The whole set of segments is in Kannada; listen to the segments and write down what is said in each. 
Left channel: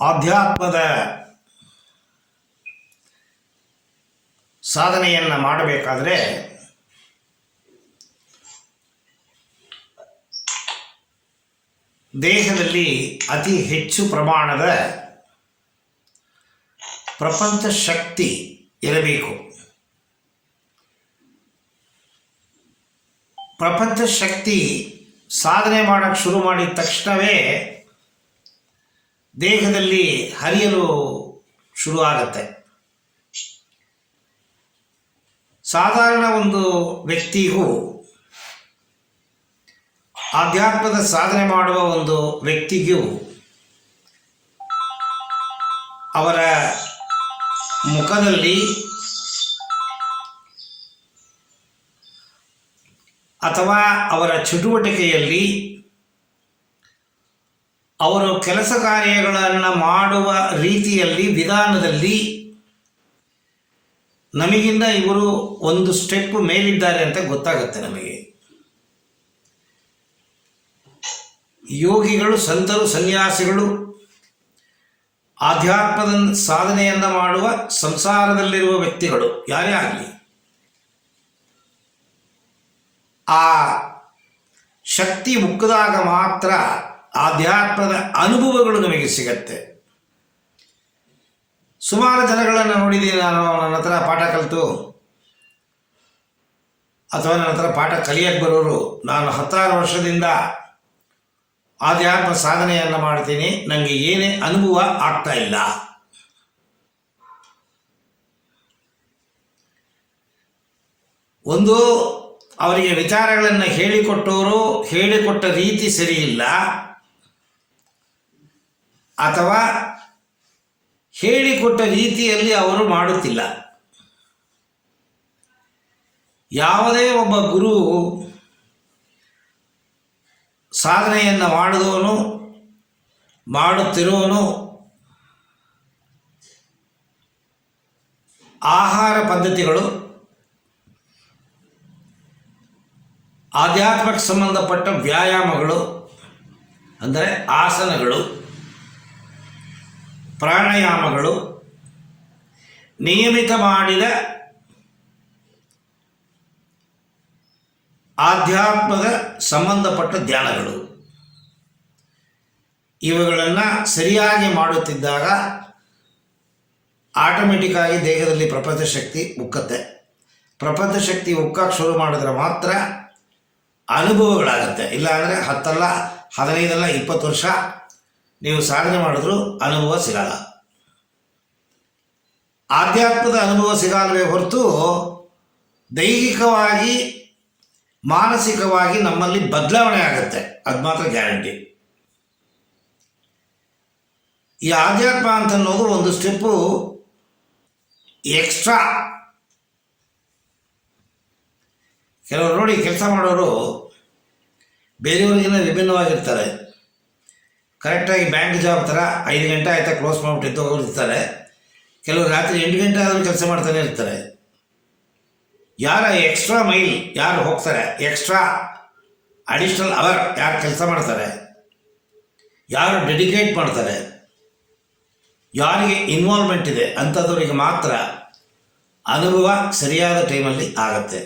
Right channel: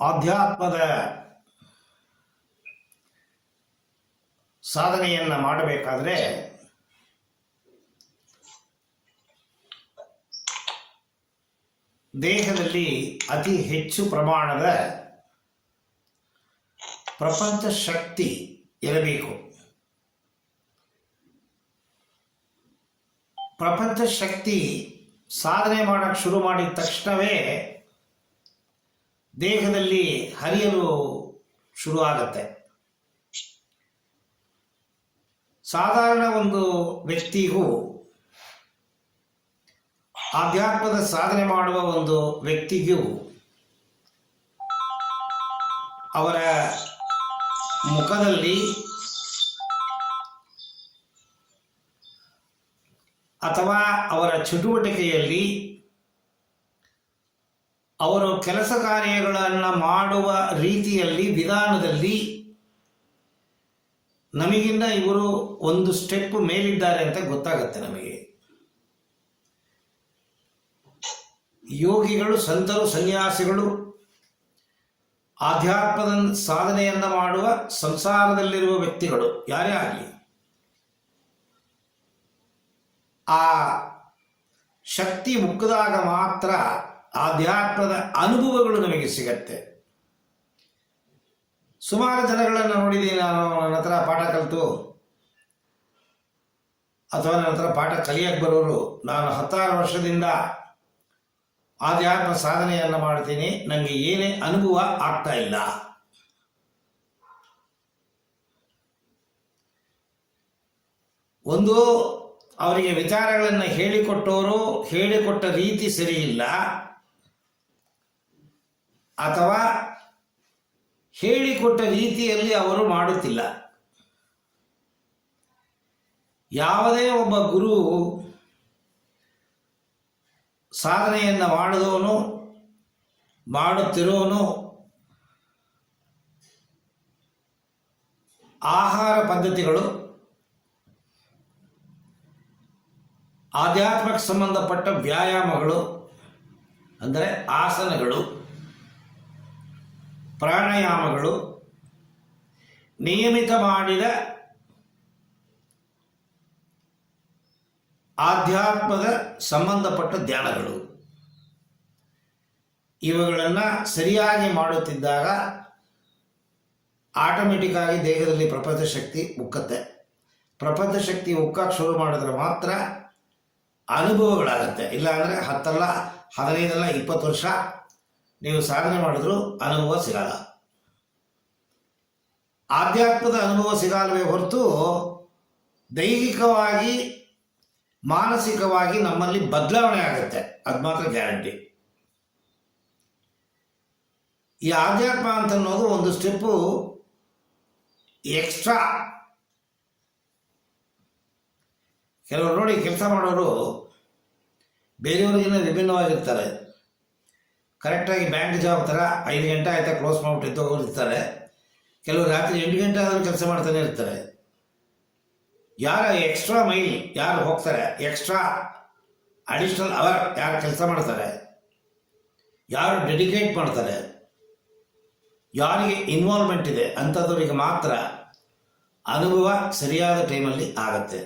ಆಧ್ಯಾತ್ಮದ ಸಾಧನೆಯನ್ನು ಮಾಡಬೇಕಾದ್ರೆ ದೇಹದಲ್ಲಿ ಅತಿ ಹೆಚ್ಚು ಪ್ರಮಾಣದ ಪ್ರಪಂಚ ಶಕ್ತಿ ಇರಬೇಕು. ಪ್ರಪಂಚ ಶಕ್ತಿ ಸಾಧನೆ ಮಾಡೋಕ್ಕೆ ಶುರು ಮಾಡಿದ ತಕ್ಷಣವೇ ದೇಹದಲ್ಲಿ ಹರಿಯಲು ಶುರುವಾಗುತ್ತೆ. ಸಾಧಾರಣ ಒಂದು ವ್ಯಕ್ತಿಗೂ ಆಧ್ಯಾತ್ಮದ ಸಾಧನೆ ಮಾಡುವ ಒಂದು ವ್ಯಕ್ತಿಗೂ ಅವರ ಮುಖದಲ್ಲಿ ಅಥವಾ ಅವರ ಚಟುವಟಿಕೆಯಲ್ಲಿ ಅವರು ಕೆಲಸ ಕಾರ್ಯಗಳನ್ನು ಮಾಡುವ ರೀತಿಯಲ್ಲಿ ವಿಧಾನದಲ್ಲಿ ನಮಗಿಂತ ಇವರು ಒಂದು ಸ್ಟೆಪ್ ಮೇಲಿದ್ದಾರೆ ಅಂತ ಗೊತ್ತಾಗುತ್ತೆ. ನಮಗೆ ಯೋಗಿಗಳು, ಸಂತರು, ಸನ್ಯಾಸಿಗಳು, ಆಧ್ಯಾತ್ಮದ ಸಾಧನೆಯನ್ನು ಮಾಡುವ ಸಂಸಾರದಲ್ಲಿರುವ ವ್ಯಕ್ತಿಗಳು ಯಾರೇ ಆಗಲಿ ಆ ಶಕ್ತಿ ಮುಕ್ಕಿದಾಗ ಮಾತ್ರ ಆಧ್ಯಾತ್ಮದ ಅನುಭವಗಳು ನಮಗೆ ಸಿಗತ್ತೆ. ಸುಮಾರು ಜನಗಳನ್ನು ನೋಡಿದ್ದೀನಿ ನಾನು. ನನ್ನ ಹತ್ರ ಪಾಠ ಕಲಿತು ಅಥವಾ ನನ್ನ ಹತ್ರ ಪಾಠ ಕಲಿಯಕ್ಕೆ ಬರೋರು, ನಾನು 16 ವರ್ಷದಿಂದ ಆಧ್ಯಾತ್ಮ ಸಾಧನೆಯನ್ನು ಮಾಡ್ತೀನಿ, ನನಗೆ ಏನೇ ಅನುಭವ ಆಗ್ತಾ ಇಲ್ಲ. ಒಂದು ಅವರಿಗೆ ವಿಚಾರಗಳನ್ನು ಹೇಳಿಕೊಟ್ಟವರು ಹೇಳಿಕೊಟ್ಟ ರೀತಿ ಸರಿಯಿಲ್ಲ, ಅಥವಾ ಹೇಳಿಕೊಟ್ಟ ರೀತಿಯಲ್ಲಿ ಅವರು ಮಾಡುತ್ತಿಲ್ಲ. ಯಾವುದೇ ಒಬ್ಬ ಗುರು ಸಾಧನೆಯನ್ನು ಮಾಡಿದವನು, ಮಾಡುತ್ತಿರುವವನು ಆಹಾರ ಪದ್ಧತಿಗಳು, ಆಧ್ಯಾತ್ಮಕ್ಕೆ ಸಂಬಂಧಪಟ್ಟ ವ್ಯಾಯಾಮಗಳು ಅಂದರೆ ಆಸನಗಳು, ಪ್ರಾಣಾಯಾಮಗಳು, ನಿಯಮಿತ ಮಾಡಿದ ಆಧ್ಯಾತ್ಮದ ಸಂಬಂಧಪಟ್ಟ ಧ್ಯಾನಗಳು, ಇವುಗಳನ್ನು ಸರಿಯಾಗಿ ಮಾಡುತ್ತಿದ್ದಾಗ ಆಟೋಮೆಟಿಕ್ಕಾಗಿ ದೇಹದಲ್ಲಿ ಪ್ರಪಂಚ ಶಕ್ತಿ ಉಕ್ಕತ್ತೆ. ಪ್ರಪಂಚ ಶಕ್ತಿ ಉಕ್ಕಕ್ಕೆ ಶುರು ಮಾಡಿದ್ರೆ ಮಾತ್ರ ಅನುಭವಗಳಾಗತ್ತೆ. ಇಲ್ಲ ಅಂದರೆ 10 ಅಲ್ಲ, 15 ಅಲ್ಲ, 20 ವರ್ಷ ನೀವು ಸಾಧನೆ ಮಾಡಿದ್ರೂ ಅನುಭವ ಸಿಗಲ್ಲ. ಆಧ್ಯಾತ್ಮದ ಅನುಭವ ಸಿಗಲ್ವೇ ಹೊರತು ದೈಹಿಕವಾಗಿ, ಮಾನಸಿಕವಾಗಿ ನಮ್ಮಲ್ಲಿ ಬದಲಾವಣೆ ಆಗುತ್ತೆ, ಅದು ಮಾತ್ರ ಗ್ಯಾರಂಟಿ. ಈ ಆಧ್ಯಾತ್ಮ ಅಂತ ಅನ್ನೋದು ಒಂದು ಸ್ಟೆಪ್ಪು ಎಕ್ಸ್ಟ್ರಾ. ಕೆಲವರು ನೋಡಿ, ಕೆಲಸ ಮಾಡೋರು ಬೇರೆಯವ್ರಿಗಿಂತ ವಿಭಿನ್ನವಾಗಿರ್ತಾರೆ. ಕರೆಕ್ಟಾಗಿ ಬ್ಯಾಂಕ್ ಜಾಬ್ ಥರ 5 ಗಂಟೆ ಆಯ್ತಾ ಕ್ಲೋಸ್ ಮಾಡಿಬಿಟ್ಟು ಹೋಗಿರ್ತಾರೆ. ಕೆಲವರು ರಾತ್ರಿ 8 ಗಂಟೆ ಆದರೂ ಕೆಲಸ ಮಾಡ್ತಾನೆ ಇರ್ತಾರೆ. ಯಾರ ಎಕ್ಸ್ಟ್ರಾ ಮೈಲ್ ಯಾರು ಹೋಗ್ತಾರೆ, ಎಕ್ಸ್ಟ್ರಾ ಅಡಿಷ್ನಲ್ ಅವರ್ ಯಾರು ಕೆಲಸ ಮಾಡ್ತಾರೆ, ಯಾರು ಡೆಡಿಕೇಟ್ ಮಾಡ್ತಾರೆ, ಯಾರಿಗೆ ಇನ್ವಾಲ್ವ್ಮೆಂಟ್ ಇದೆ ಅಂಥದ್ರಿಗೆ ಮಾತ್ರ ಅನುಭವ ಸರಿಯಾದ ಟೈಮಲ್ಲಿ ಆಗತ್ತೆ.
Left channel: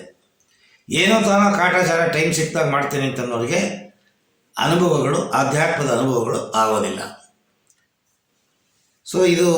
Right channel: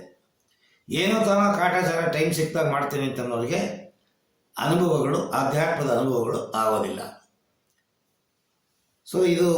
ಏನೋ ತಾನೋ ಕಾಟಾಚಾರ ಟೈಮ್ ಸಿಕ್ಕಿದಾಗ ಮಾಡ್ತೇನೆ ಅಂತನ್ನೋರಿಗೆ ಅನುಭವಗಳು, ಆಧ್ಯಾತ್ಮದ ಅನುಭವಗಳು ಆಗೋದಿಲ್ಲ. ಸೊ ಇದು